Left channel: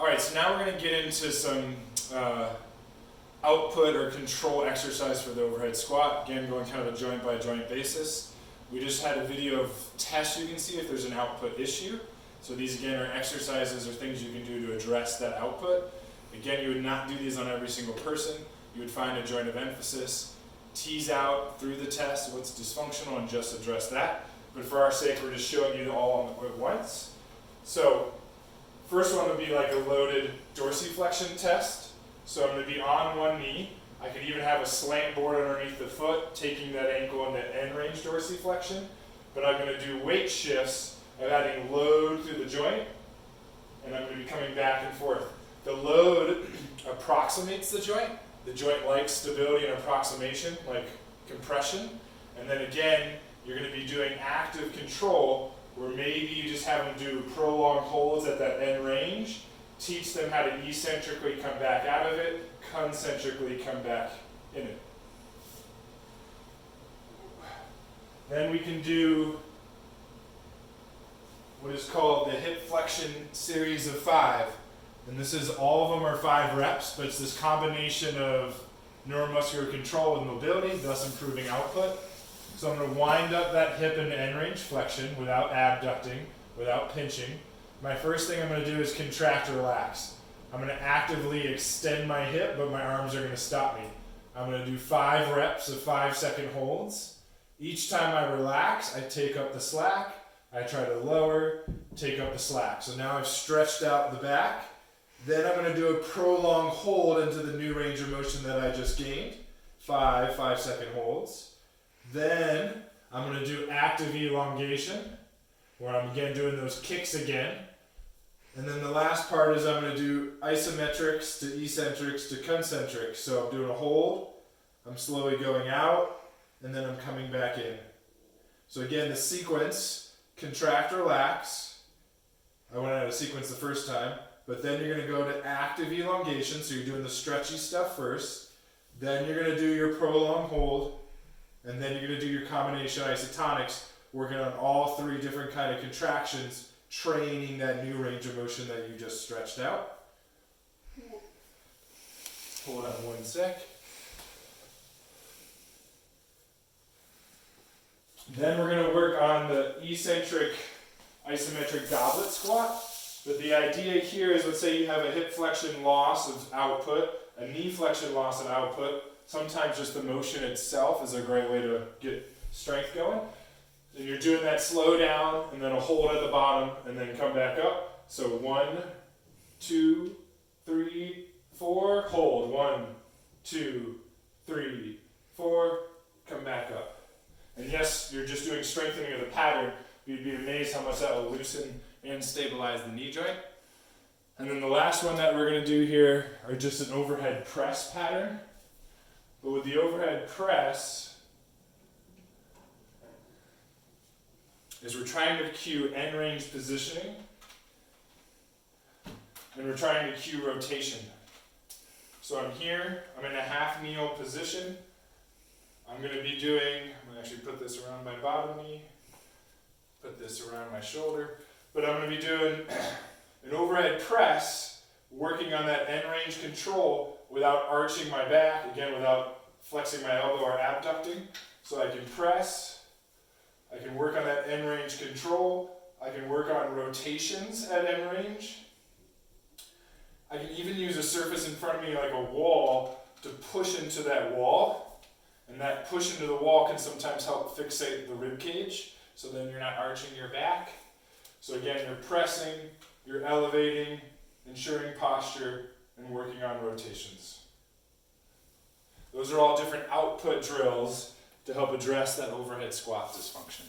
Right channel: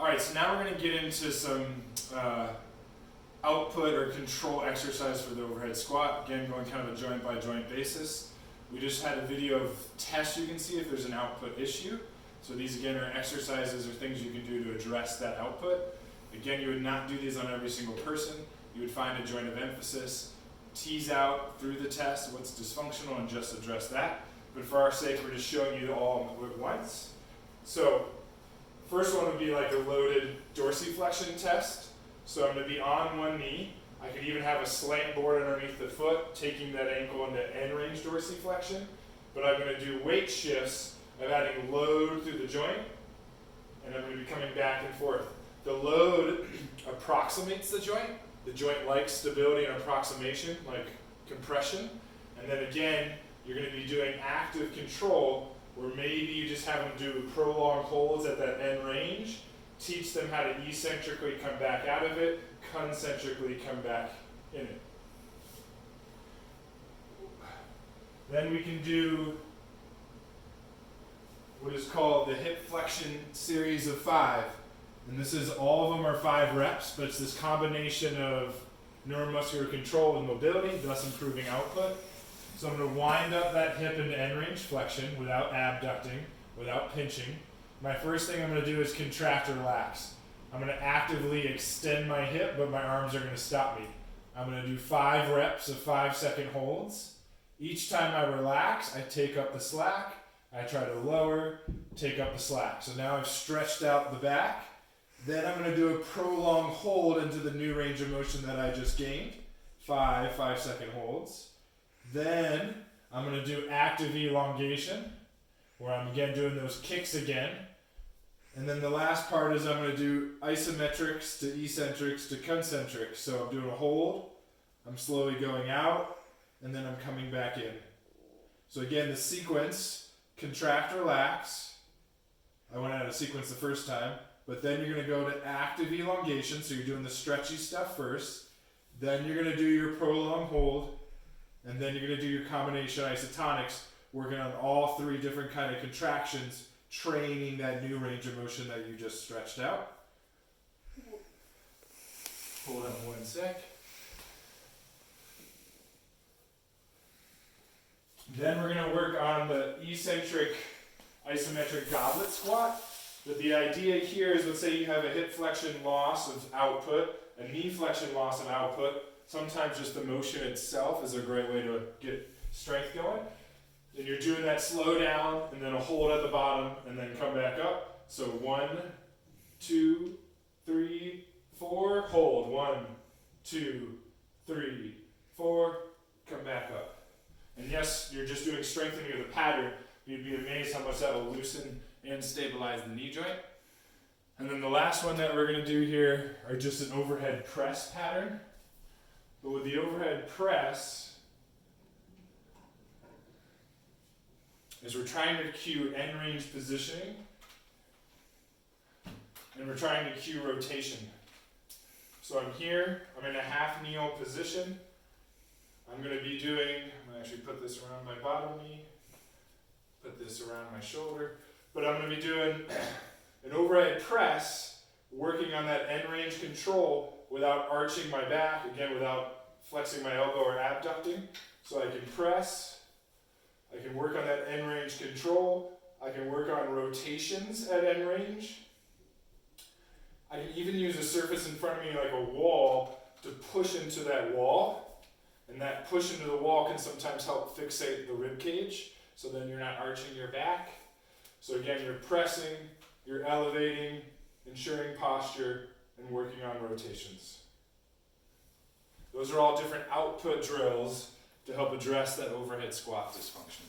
All right, so now we're going to get into some output or control exercise for the overhead squat. Again, going kind of a joint by joint basis. We just had a video of tests you can see if there's an output issue. So these again are exercises or things you can do to address that output. Again, you would not do these on every single person. You would find a joint of emphasis, tease out through the test what's dysfunctional and just address that. But for our sake, we're just showing you all at once. So first one would be like a loaded dorsiflexion test. So I'm going to be on one knee. I could even have a slant board underneath the foot, taking that ankle into end range dorsiflexion. But I'm going to do weight shifts of adding load through the joint, and I'm going to be coming back and forth. The load approximates the joint. The joint likes stability and approximation, like compression. And then again, you're going to be doing active control, where maybe you just have them do prolonged holds at that end range, teach them how to eccentrically come back out of it, concentrically come back in it. Then we can do what is called the hip flexion series of 5. And this is, all of them are 5 reps, but it's this combination of neuromuscular control and mobility, thus improving output. So I'm going to wind up that hip into end range flexion without abducting, without pinching. My first thing I'm going to do is contract or relax. I'm going to actively extend my hip, but my arms are going to stop me. I'm going to do 5 reps of 5-second holds. Each time I relax, I take up the slack. I try to lower, take up the slack. So now I've stretched out the back. Then I'm going to do a prolonged hold into the new range of motion that I just gained. 5-second holds. Then I'm going to do active elongation, where I'm again doing those kicks again. And then the last part is I'm going to do isometrics to eccentrics to concentrics. So I'm doing a hold, I'm slowly going out, and then I'm coming back in. So again, the sequence, contract, relax. I went out of sequence the first time, but then you're going to go to active elongation, so you're doing the stretchy stuff first. Then you're going to do your prolonged hold, and then you're going to do your combination isotonics, working on all 3 different kind of contractions, training that new range of motion that you just stretched out. Hold on one sec. Then we're going to work on the eccentric isometric goblet squat. But the idea here is, let's say you have a hip flexion loss of output, a knee flexion loss of output. Sometimes just the motion itself is a great way to get strength going. And you're doing that slow down, and then a hold at the bottom, and then come back up. So 1, 2, 3, 4, hold. 1, 2, 3, 4, come back up. And yes, you're just doing strengthening of the pattern. You'd be amazed how much that will loosen and stabilize the knee joint. And then the last one that we're going to do here are just an overhead press pattern. But with the overhead press, is we're trying to cue end range positioning, and we're trying to cue rotation. So I'm here, I'm in a half kneel position. I'm going to be doing, I'm going to actually put this around my bottom knee, put this around my shoulder, but I'm going to be doing an overhead press, working on that end range control without arching my back, again without flexing my elbow or abducting. So I can press, I can work on that end range control, I can work on rotations at end range. I can even use a surface in front of me like a wall to push into that wall. And that push into the wall can sometimes help fixate the rib cage, so then you're not arching your back. So again, you're pressing, you're elevating, ensuring posture, and working on rotations. Those are all different output drills to help address that overhead squat dysfunction.